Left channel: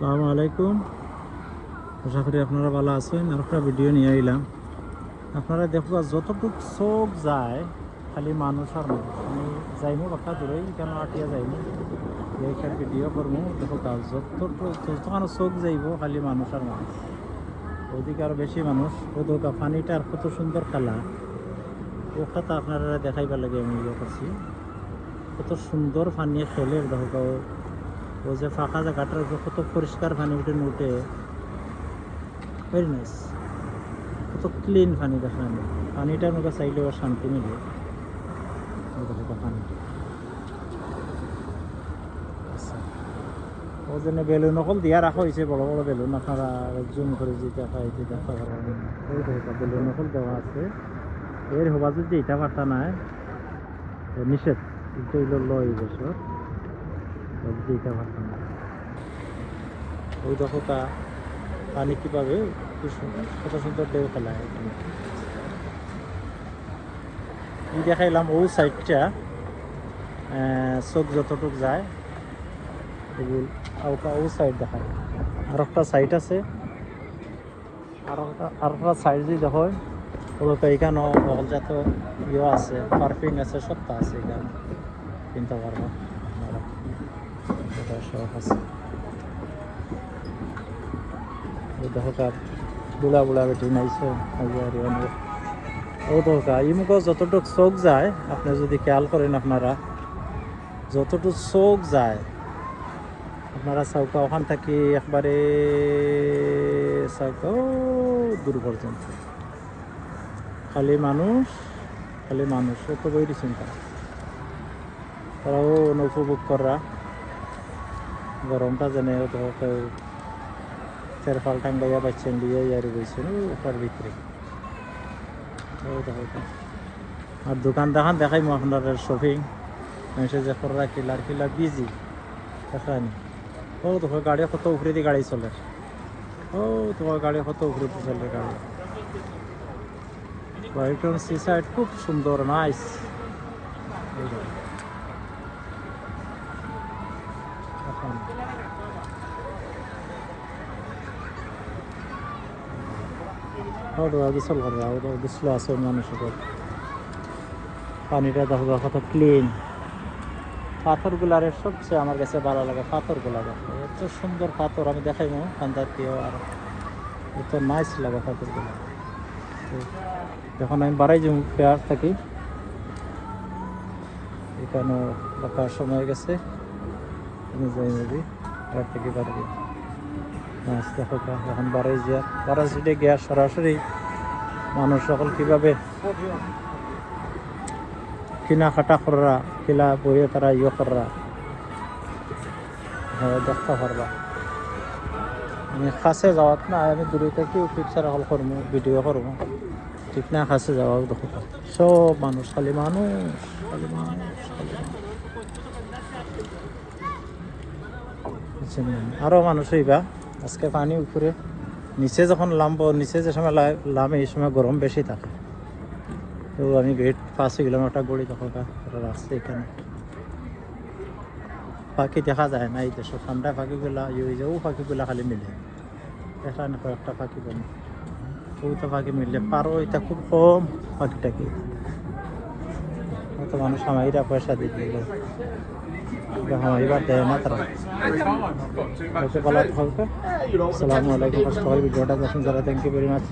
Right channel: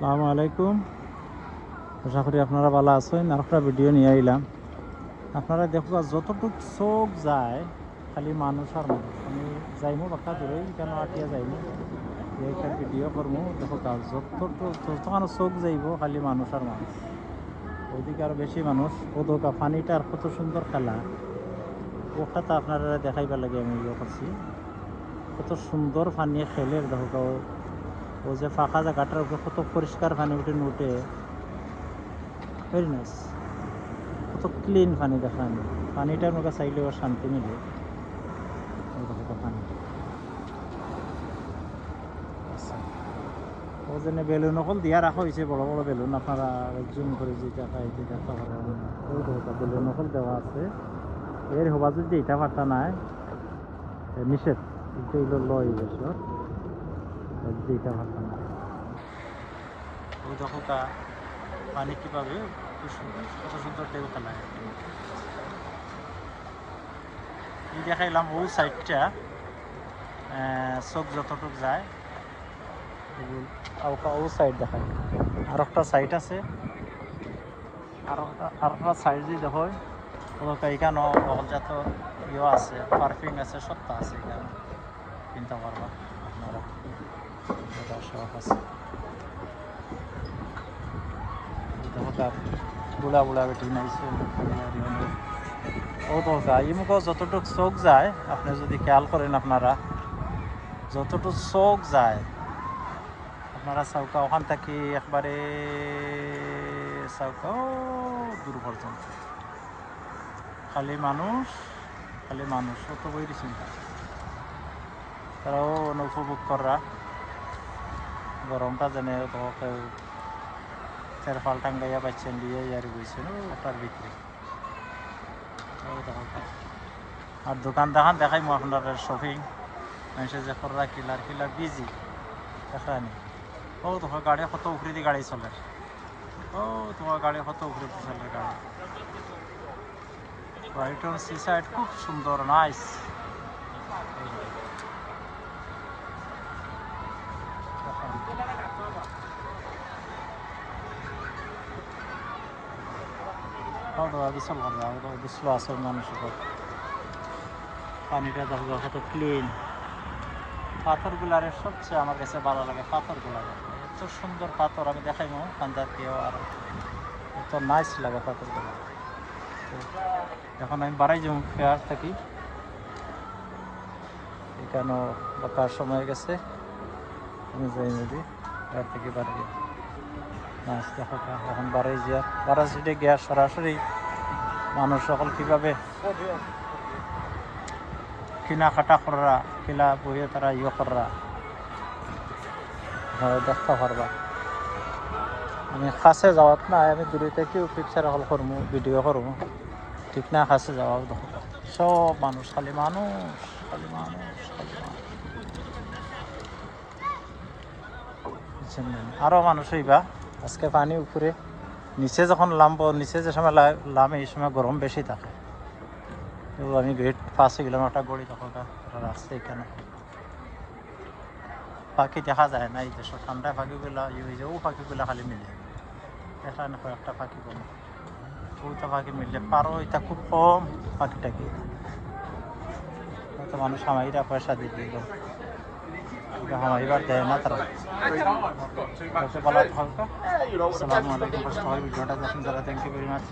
আসসালামু আলাইকুম। আশা করি আপনারা ভালো আছেন। আর একটা ভিডিও নিয়ে আইলাম। আপনারা দেখো যতটুকু চোখ যায় খালি মানুষ আর মানুষ। আমি যাইমু বাক্কা দূরেই কেন আটিয়া যাইমু একটা ভিডিও করবো। দেখো যতখানো চোখ যাইব খালি মানুষ আর মানুষ। ওদিকে আরো বেশি মানুষ। ওদোকা পানিটা আর কত সুন্দর খেলা ওখানে আপনারা দেখাইবার লাগে আমি ইয়ে করছি। কত সুন্দর পানি খেলে দেখো ও যে ফাঁকা জায়গাটার উপরে কত পরিষ্কার পানি উঠে উঠে ভেরি নাইস। কত ক্লিন পানি দেখা পানিটার মধ্যে চাইলেও শান্তি মিলে পানি। ও যেন বেলুন অকল দিয়া রাখা হয়েছে বড় বড় বেলুন। আপনারা জুম করে যেটা খাইতে দেখা বেলুন অকল দেওয়া আছে। এর হবা যদি এটা পারতা নাই নিষেধ এটা লয় বছর যদি এটা পারতা নাই। ওই দেখো পানি কিভাবে কত সুন্দর ঢেউ খেলায়। এই দেখাইলাম ও সাইডটা চোখ যতটুক যায় ও সাইড দেখাই। আর একটা সাইড আছে আর একটা সাইড যদি দেখো ওদেরকে এখানে অকল যত ইয়ে আছে পারফিউম আছে সবটা আছে এখানে কিনতে পারবো আপনারা। এটা সব আছে দেখো বুড়া বুড়া বেটি নাইছে ও তো ইমুক যতটুক চোখ যায় আপনি যদি খেয়াল করেন আপনারা যতটুক চোখ যায় আপনারা চৌকা ওখান থেকে একবারে চৌকা দূর পর্যন্ত খালি মানুষ অত বইরি চিন্তা তারাও উপভোগ করা গরমটা জেনে তেরফাল ঠান্ডাইয়া বাচ্চেন দিয়ে ইয়ারি বইছেন ওটার ভিতরে। আর দোকান দেখান দেখাই আপনার শপিং মানুষের যে করা কিলার বিজি দেখানি। ও তোমার গাড়ি কত উপরে দিয়ে গাড়ি চলে। ও তোমার গাড়ি কত উপরে দিয়ে চলে গাড়ি। ব্রাইটন সি সাইড খুব সুন্দর নাইস। গোসল করে গোসল আছে মানুষ পানিটা দেখো কত ক্লিন। পাথরগুলার সবচেয়ে আমার কাছে ভালো লাগে পাথরগুলা দেখো এত সুন্দর পাথর আমি দেখাইব কান্দাতেও আর এত নাইস লাগে পাথরগুলা। যখন আমি বাড়াই যাই পেয়ার থাকি এখানেও বাঁকার সময় গেছে আমি যাই নদী পেয়ার থেকে বাড়ি নাইস দেখো এখন বাড়াই যা বাড়া সিটে গিয়া সরাসরি মানুষ সকল কীভাবে কেনাকাটা করা কিলা বইয়ে তারা ইয়ে করা দেখতে পারবা। আমি কাছে যাওয়াত না আমি দূরে থেকেও পিকচার হল করবো ভিডিও করবো ঠিক না। কাছে যাওয়া দেখো সব মানুষ খালি মানুষ খালি মানুষ খালি মানুষ। আরও মানুষ হইবা আজকে পানি উপরে নিচে যখন নামবো নিচে যে সময় নামে এই সময় গরম বেশি থাকে। তো আমি 5 কিলোমিটার গড়ি তখন রাস্তা এখানে পাখি দেখা যায় না এই দেশে ঠান্ডা পাখিগুলা ইয়ে যাও পাখিগুলা খালি মিলে এখানে কয়েকটা পাখি বলো ওইটা পাখি মিললে পারো এটা খুব কম পাখিটাকে তো মানুষ হামাইরা পয়সা দিয়ে দিল হামাইবার দেয় না তারা। ভালো থাকবে। আসসালামু আলাইকুম। ফার্স্ট অল ভিডিওটা যখন যারা থ্যাংক ইউ ভেরি মাচ।